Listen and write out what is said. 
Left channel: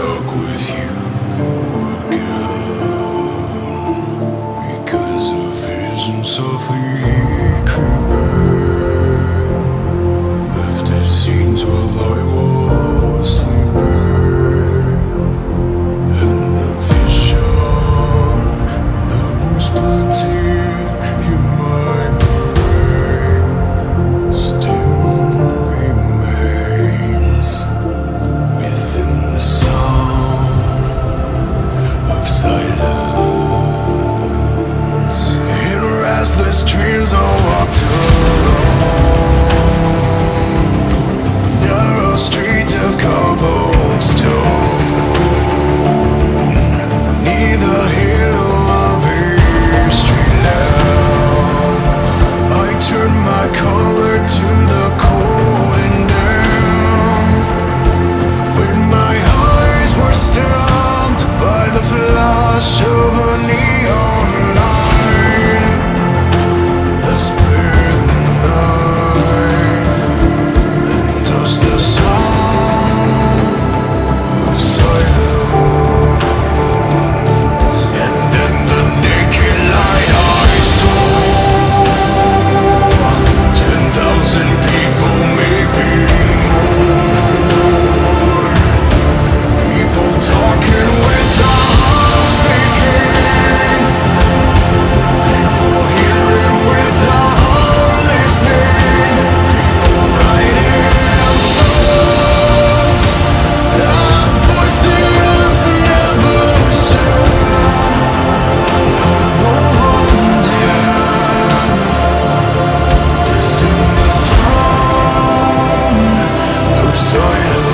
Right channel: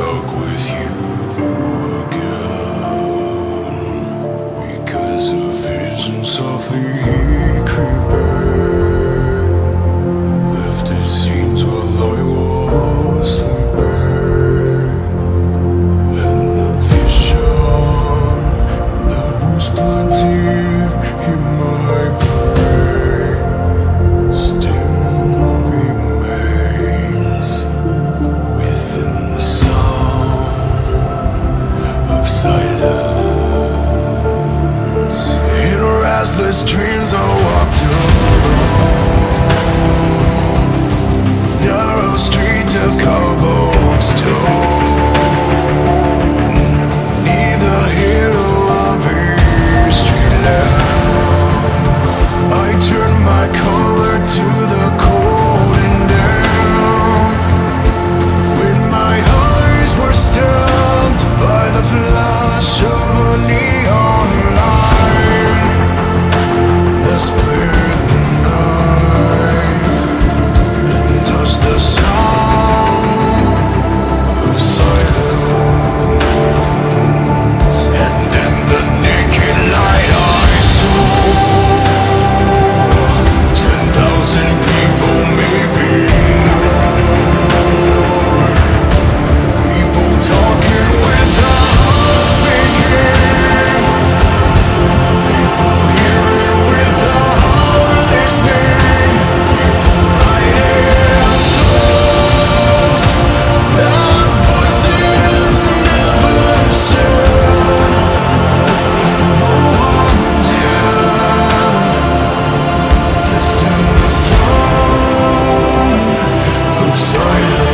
stuck with you again, because a vision softly creeping lifted scenes while I was sleeping, and the vision that was planted in my brain still remains within the sound of silence. In restless dreams I walked alone, narrow streets of cobblestone, neath the halo of a street lamp. I turned my collar to the cold and damp, when my eyes were stabbed by the flash of a neon light that split the night and touched the sound of silence. And in the naked light I saw 10,000 people, maybe more. People talking without speaking, people hearing without listening, people writing songs that voices never said. And no one dared distant the sound of silence.